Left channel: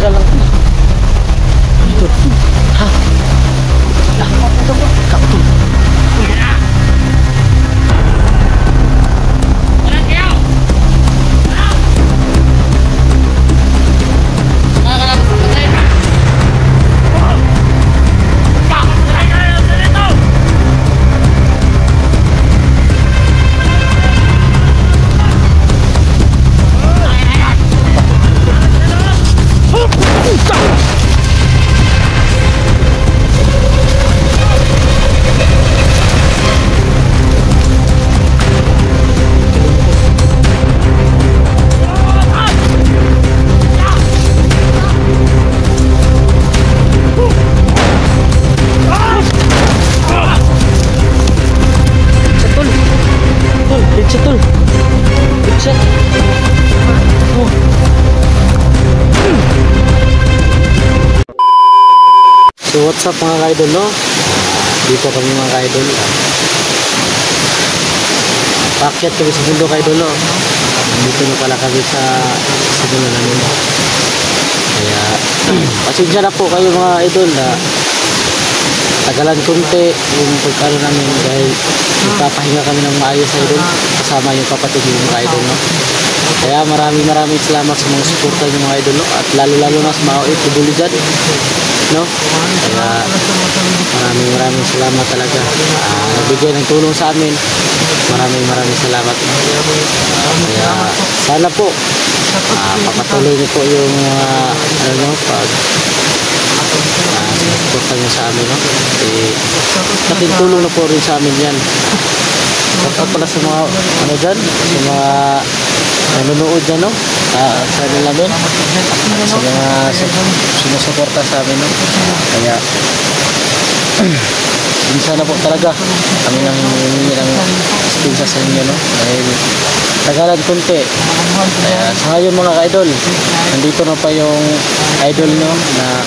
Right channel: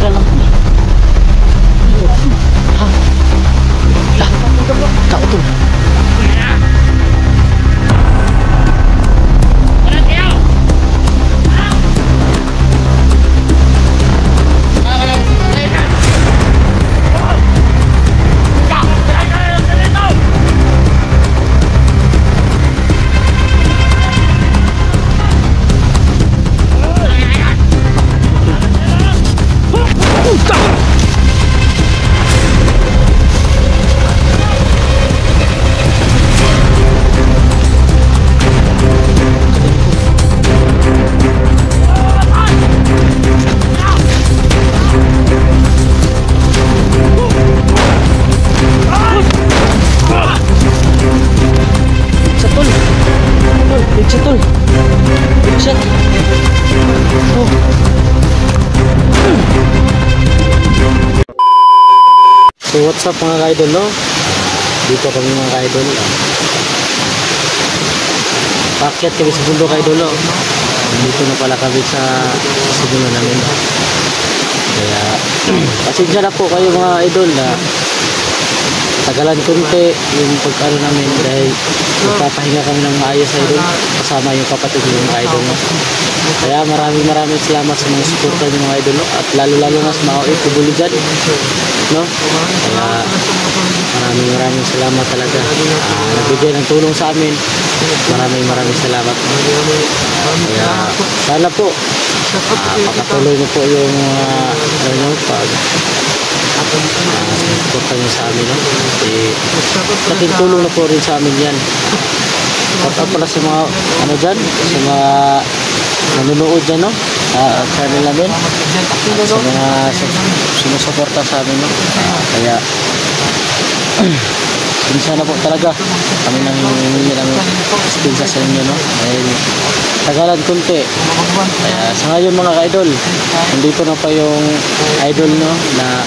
tagal lang. Ito. Ha? Tao to. Tol, pizza. Oh. So what's up mga ka-idol, no? Dito kami mga ka-idol. Paakyat kami sa bundok ka-idol, no? Nandito na pala kami sa sinulan namin. Kaya pasensya na po kayo mga idol na tagalan konti yung pag-ano namin dahil nagpapahinga kami ng maayos idol kasama yung kapatid yung mga idol, no? Kaya maraming salamat sa mga suporta nyo mga idol, no? At lalo na sa mga OFW dyan, no? Kaya maraming salamat talaga. Nagbigay ng tulong sa amin. Maraming salamat, no? Kaya sana po papatuloy nyo po yung ano nyo pag suporta nyo sa amin, no? Kasi laking tulong na po rin sa amin yan. Shout pala sa mga ano dyan, sa mga nanonood dyan, no? Sa channel namin at sa mga sumusuporta sa amin, no? Kaya minsan na po talaga kami lang hihingi ng stinsa sa inyo, no? Dahil tagalan konti. Kaya sa ngayon mga ka-idol, nandito na pa yung idol, no? Na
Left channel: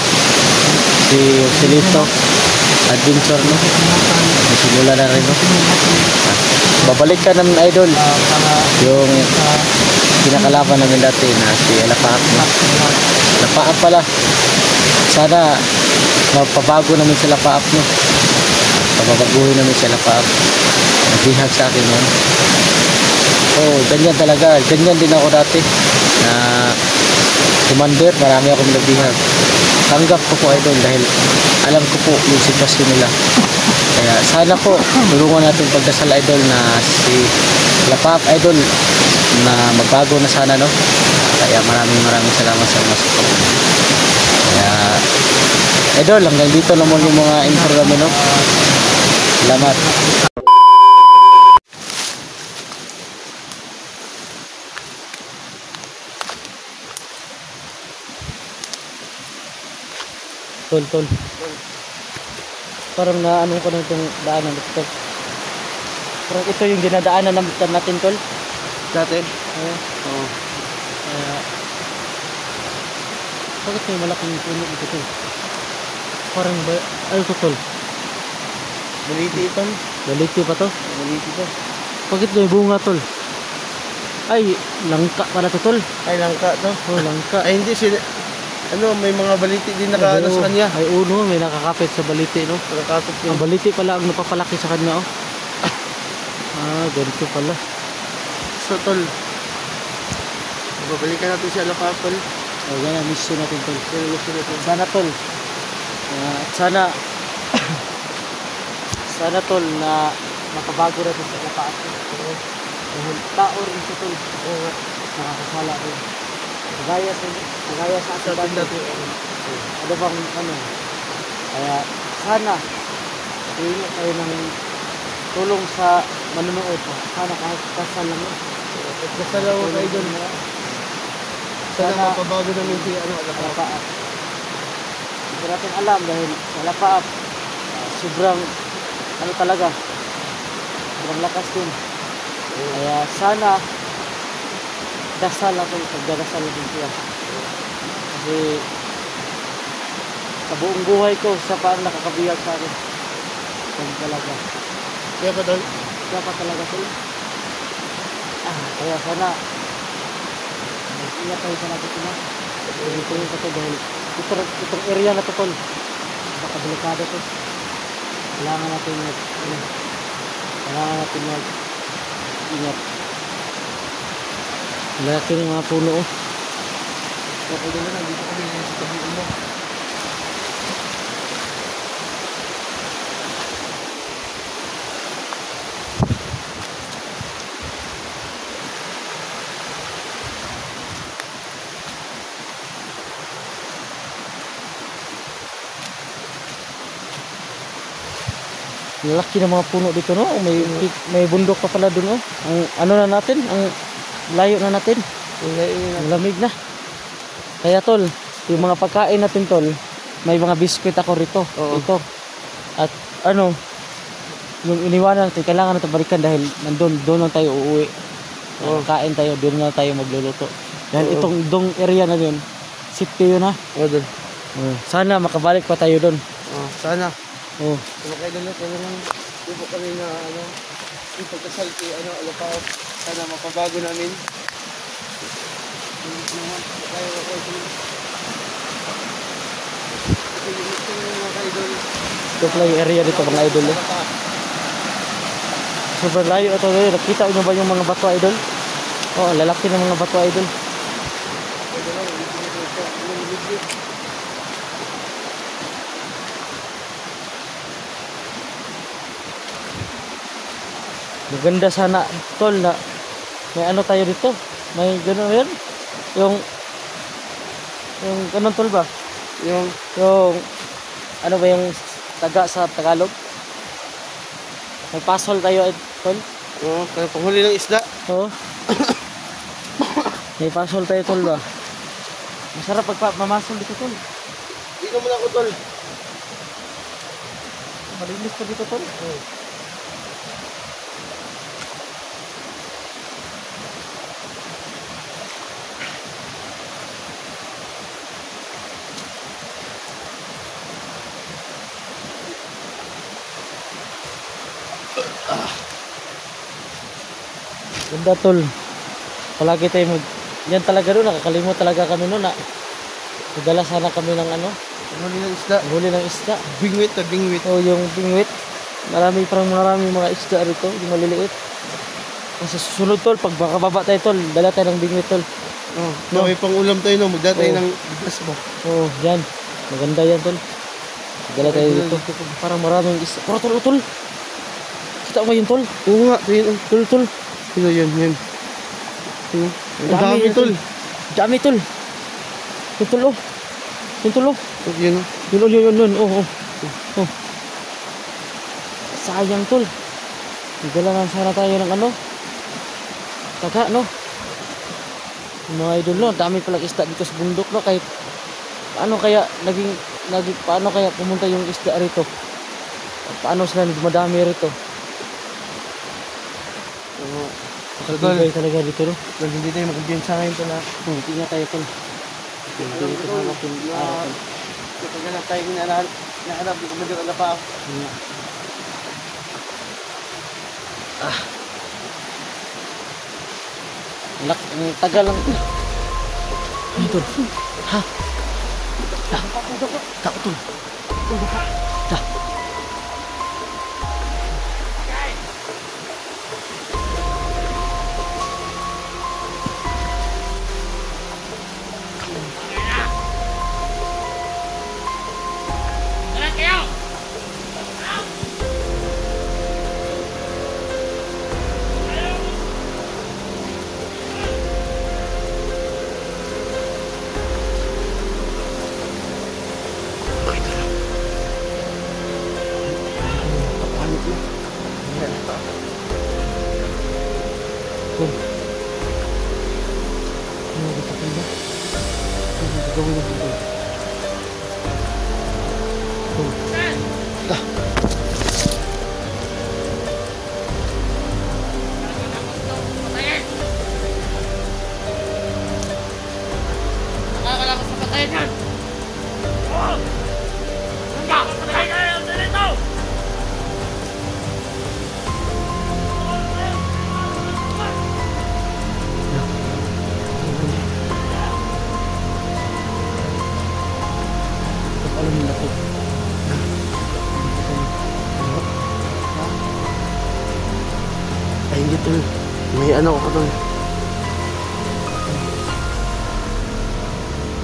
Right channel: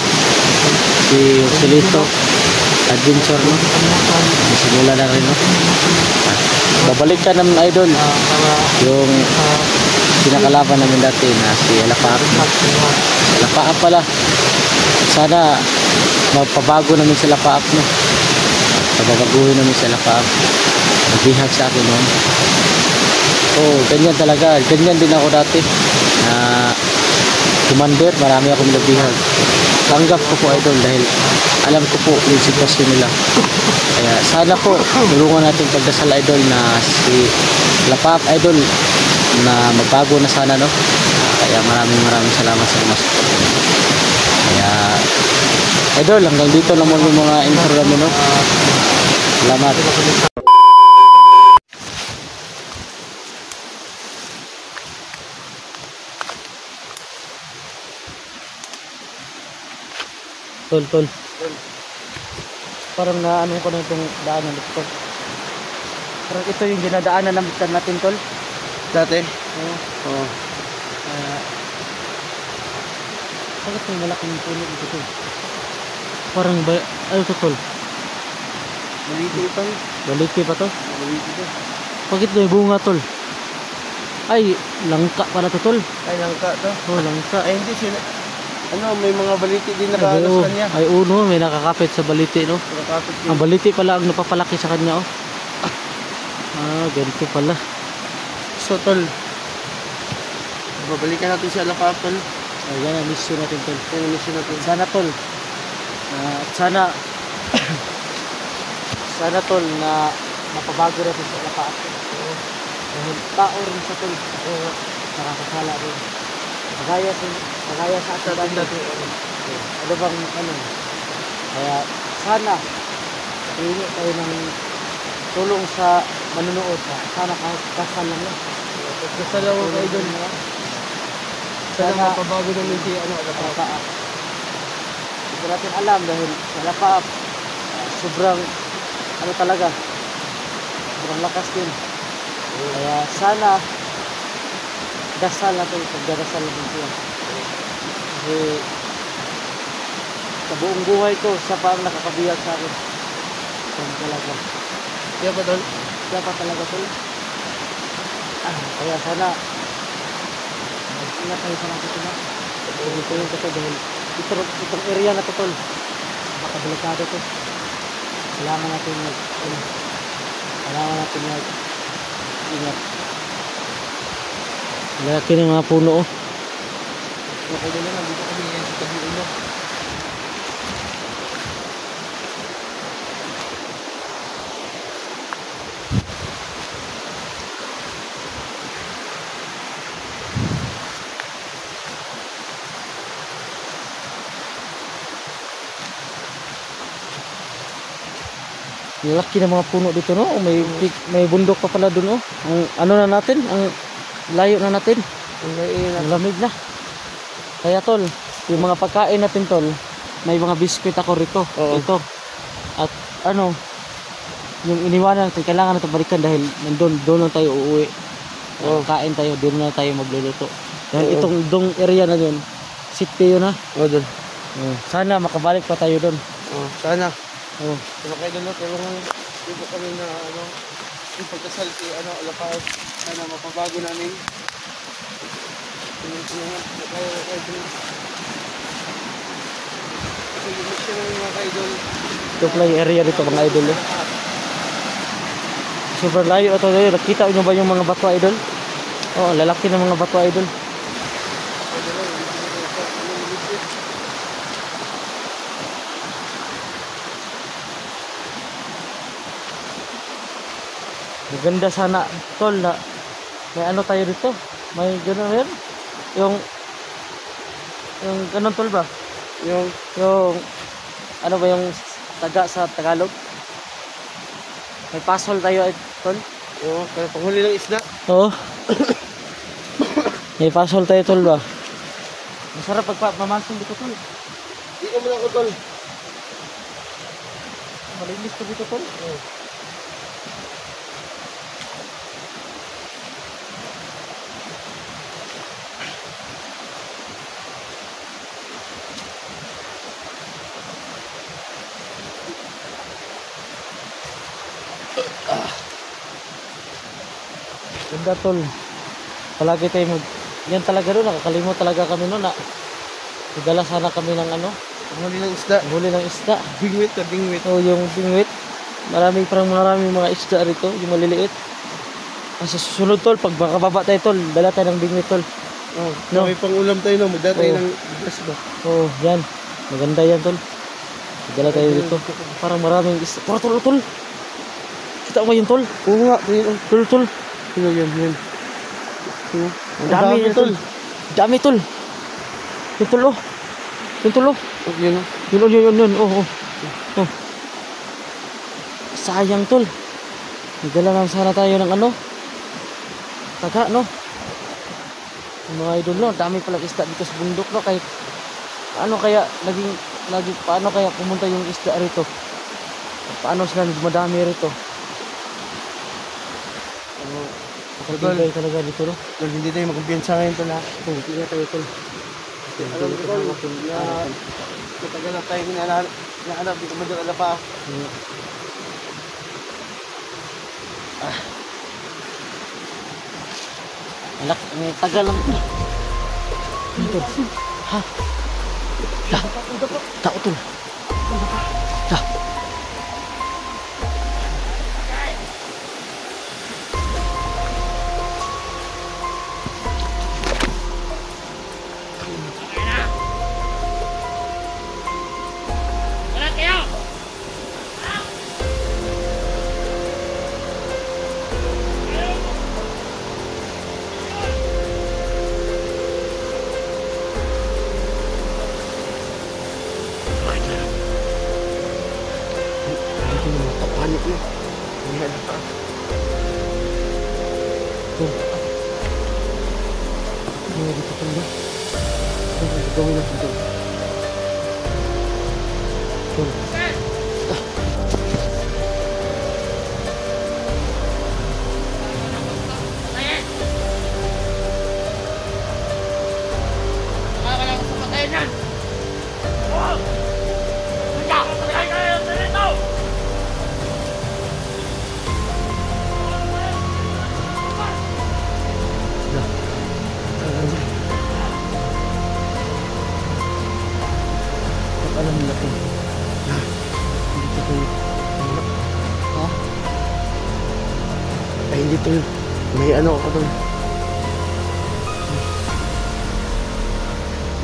si Joselito Adventure, no? Simula na rin, no? At babalik ka namin idol yung pinakalaban namin dati na si Alapaap, no? Si Alapaap pala, sana mapabago namin si Alapaap, no? At pababaguhin namin si Alapaap. Nagbihag sa akin noon. Oh, ganyan talaga, ganyan din ako dati na commander, marami ako nagbihag. Tanggap ko po idol dahil alam ko po yung sitwasyon nila. Kaya sana po tulungan natin pagdasal idol na si Alapaap idol na magbago na sana, no? Kaya maraming salamat sa mga support. Kaya idol, hanggang dito na muna yung mga intro namin, no? Salamat. Tol. Parang naano ko na itong daanan ito. Parang ito yung dinadaanan natin, tol. Dati? Oo. Kaya bakit may malaking puno dito, tol? Parang ba... Ay, ito, tol. Baliti ito. Baliti pa to? Baliti ito. Bakit may bunga, tol? Ay, langka pala to, tol. Ay, langka ito. Oh, langka. Ay, hindi sila... Ano, may mga baliti din nakaalas sa kanya. Ay, uno, may nakakapit sa baliti, no? Nakakapit din. Ang baliti pala ang napapalaki sa kanya, oh. Ganito pala. So, tol, babalikan natin si Alapaap, tol. Ay, yan, mission natin, tol. Yan, mission natin. Sana, tol. Sana, tol, na mapabago natin si Alapaap. Dahil tao rin sa, tol. Oo nga. Nakakasala rin. Kagaya sa atin dati. Ano bang ano? Kaya sana hihingi tayo ng tulong sa manunood. Sana kasal lang, no? Kasal lang ako kayo doon. Sana mapabago namin si Alapaap. Hindi ko natin alam dahil si Alapaap sobrang ano talaga, sobrang lakas din. Kaya sana dasal natin, pagdadasal natin siya. Kasi sa buong buhay ko, siya pa ang nakakabiyag sa akin. Siya talaga. Kaya pa doon? Siya pa talaga sa'yo. Kaya sana mag-ingat tayo sa natin, no? Dito yung kasi dahil itong area na to tol. Baka delikado to. Kailangan natin ingat. Laki ng mga puno oh. Okay na lang, dito kami ngayon sa tabi ulo. Laki ng mga puno dito no. May bundok pa pala doon oh. Ang ano na natin, ang layo na natin. Ang lamig na. Kaya tol, yung mga pagkain natin tol, may mga biskwit ako rito. Oo. Ito. At ano, yung iniwanan natin, kailangan natin balikan dahil doon lang tayo uuwi. Kain tayo, doon na tayo magluluto. Dahil Oo. itong dong area na yun, safety yun ha. Oo, doon. Sana makabalik pa tayo doon. Sana. Oh. Diba kayo doon, tulungan. Di po kami na, yung pagkasal si, Alapao. Sana mapabago namin. Tulungan. Kaya doon. Mission mga ka-idol. Ito pala yung area dito mga idol eh. Super layo ito. Nakita nyo ba yung mga bato idol? Oo, lalaki ng mga bato idol. Pwede lang, hindi ito. Anong libre? Maganda sana tol na may ano tayo dito. May gano'n yun. Yung ganun tol ba? Yung ano ba yung taga sa Tagalog? May pasol tayo tol. Oo, kaya panghuli ng isda. Oo. May pasol tayo tol ba? Masarap pag mamasol dito tol. Di ka muna ko, tol. Malinis na dito tol. Oo. Ganda tol. Palagi tayo yan talaga doon, nakakalimot talaga kami noon na nagdala sana kami ng ano, Panghuli ng isda. huli ng isda. Bingwit na bingwit. O yung bingwit. Marami mga isda rito, yung maliliit. Kasi susunod tol, pag makababa tayo tol, dala tayo ng bingwit tol. No. May pang-ulam tayo, no? Magdala tayo Oo. ng bigas ba? Oo, yan. Maganda yan tol. Dala tayo dito. Parang maraming isda. Tol, tol. Kita mo yun tol? Oo nga, ito yun. Tol. Yun. Ang dami yan tol. Dami tol. Yung tol oh. Yung tol oh. Yun. Yun. Oh. Sayang tol. Nagdala lang sana tayo ng ano. Taga no. Yung mga idol no, dami palang isda dito sa bundok no. Kahit paano kaya paano kaya pumunta yung isda rito? Paano sila dumadami rito? Nakatibay talaga dito no. Tol, hindi tayo magkampiyansa ngayon, tol, ha? Hindi na tayo tol. Alam ko, tol, matagal na tayo hinahanap yung Commander Alapao. Ang tagal lang. Ano tol? Ha? Tao tol. Ha? Tol. Ano dito tol ba? Ano gagawin natin tol? Tol. Nakakalakas sa patayan yan! Oh! Handa! Patayan yan! Dito! alam nila to. Hindi ko to. Ano? Ha? Ay, hindi to. May ano ako to.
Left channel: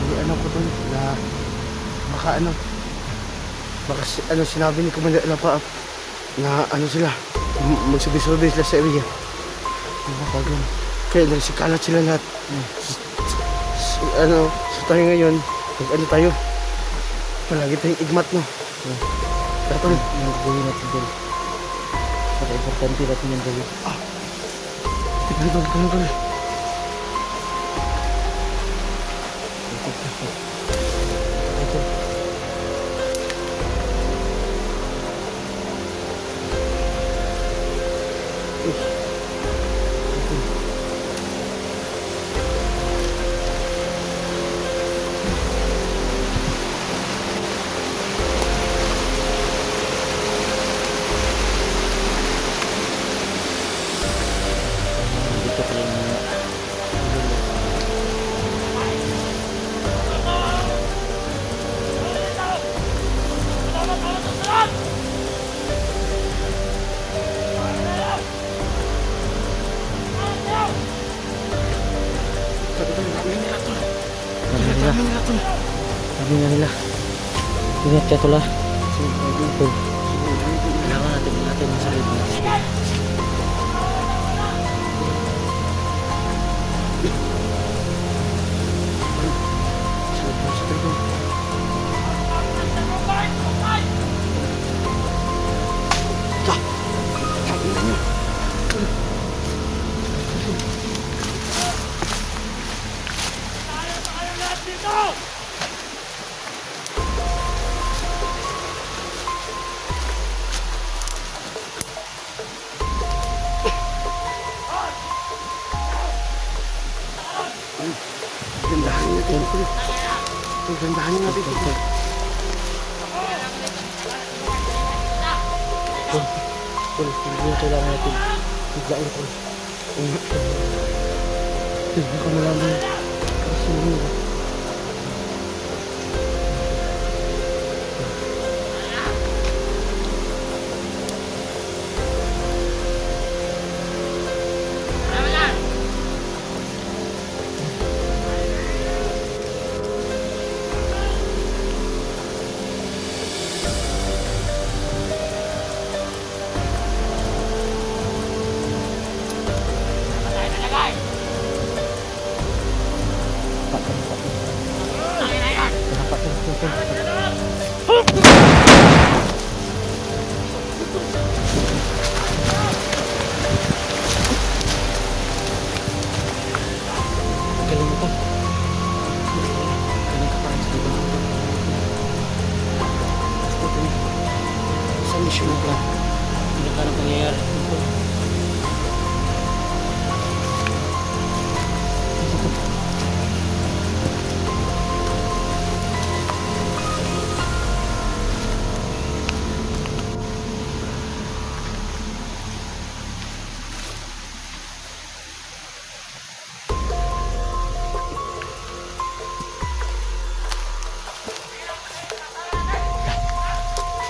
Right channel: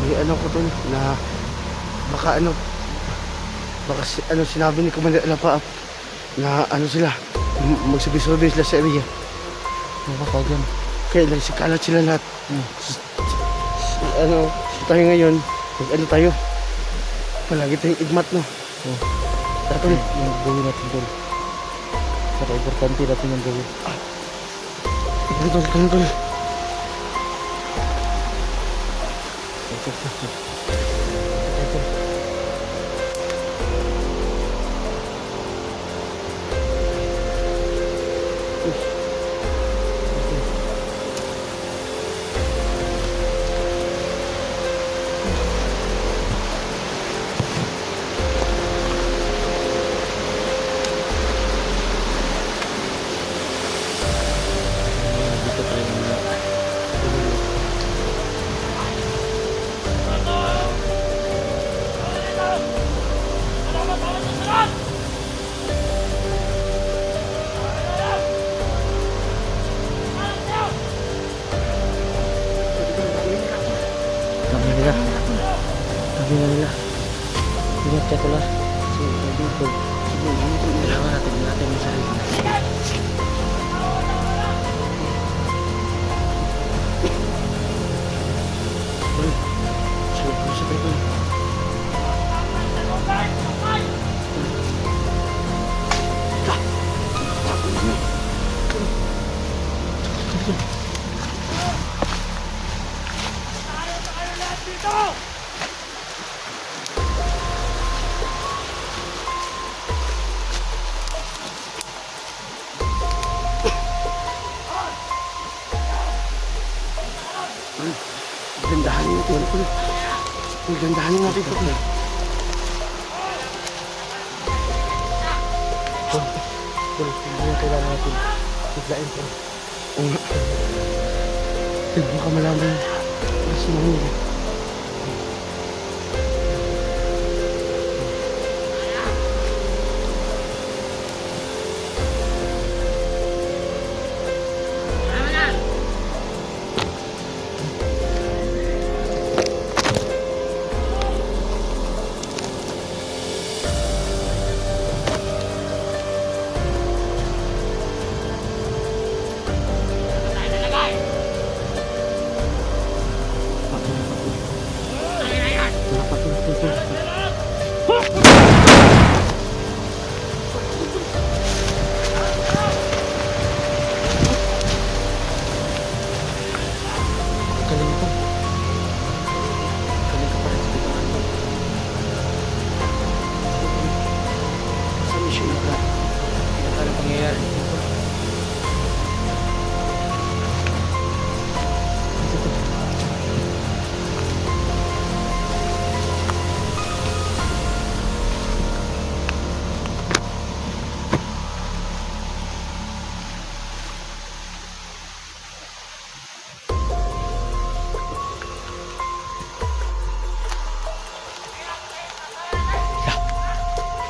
May ano ko to na baka ano. Baka sinabi ni Commander Alapaap na ano sila, magsabi-sabi sila sa area. Kaya nagsikalat sila lahat. So tayo ngayon, ano tayo? Palagi tayong igmat, no? Tara tol. Yung gawin natin tol. Para importante natin yung gawin. Tignan tol, tignan tol. Ito tol. Dito pala yung mga Sabi na nila. Ingat ka tol. Kailangan natin yung sarili natin. Gandahan niyo ito. Gandahan niyo natin ito. Hindi na kailangan natin biglain ito. Hindi ko malaman. Kasi hindi. Galing ko. Galing ka pa rin dito. Sa mission ka. Hindi ka na pangyayari dito. Ito.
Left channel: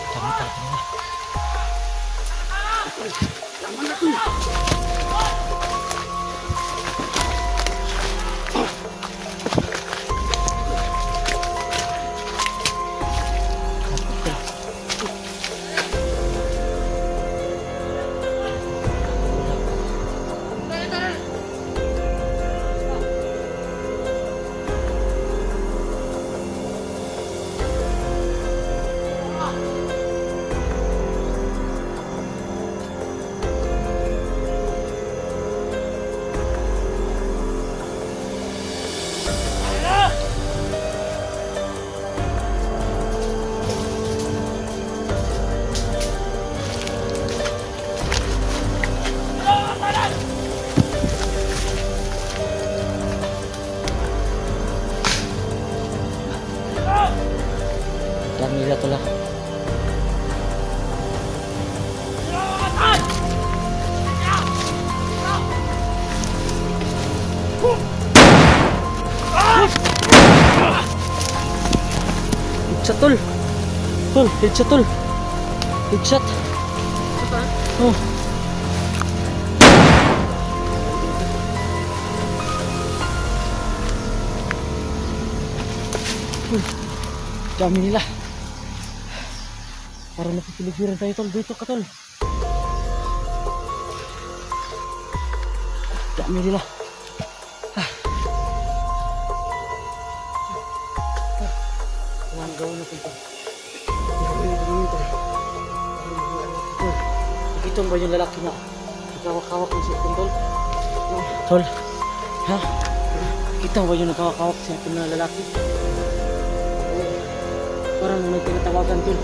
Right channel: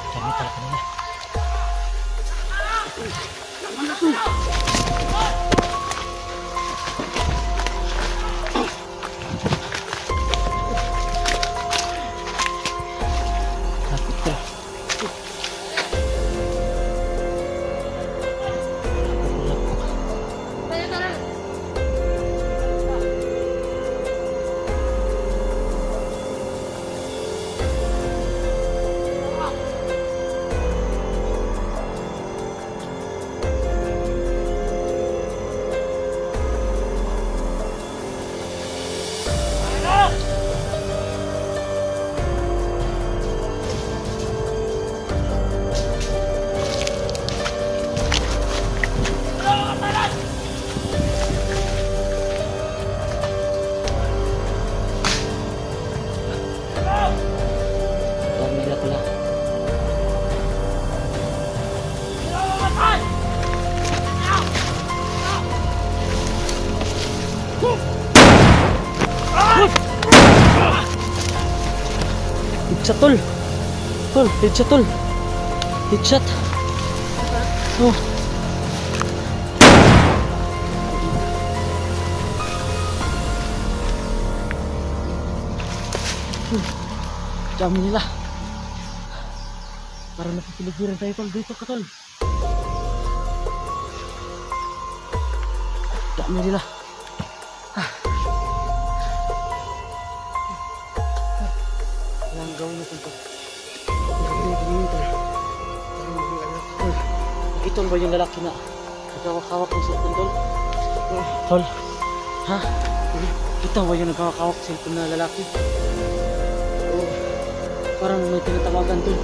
Kami pala kanina. Pamilya ko lang. headshot tol. Tol, headshot tol. Headshot. Oh. Dami nila. Parang napipiligiran tayo tol. Dito ka tol. Dami nila. Ang gawin natin tol. Nakita mo ba yung lalaki na nagkawak-kawak ng cellphone tol? Tol. Ha? Kita mo ba yung nagkawak-kawak ng cellphone na lalaki? Parang may tinatawagan tol.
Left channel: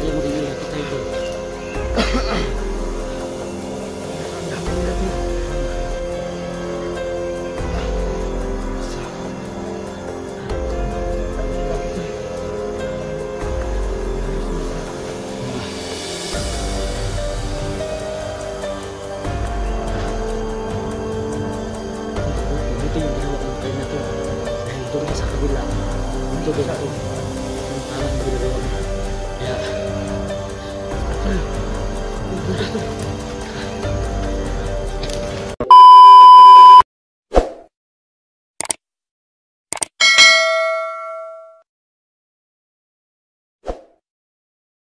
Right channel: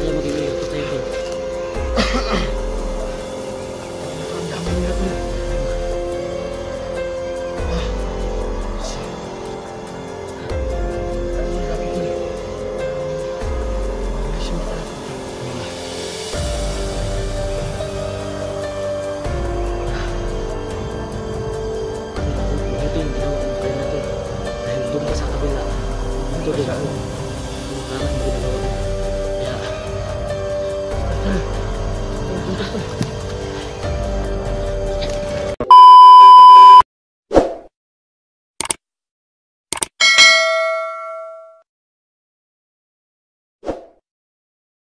Kaya mag-iingat ko tayo tol. Ito yung ginawa ng kaya na to. Dahil doon ka sa kabila, dito din ako. Yung parang yung ginagawa mo. Kaya, dito ko.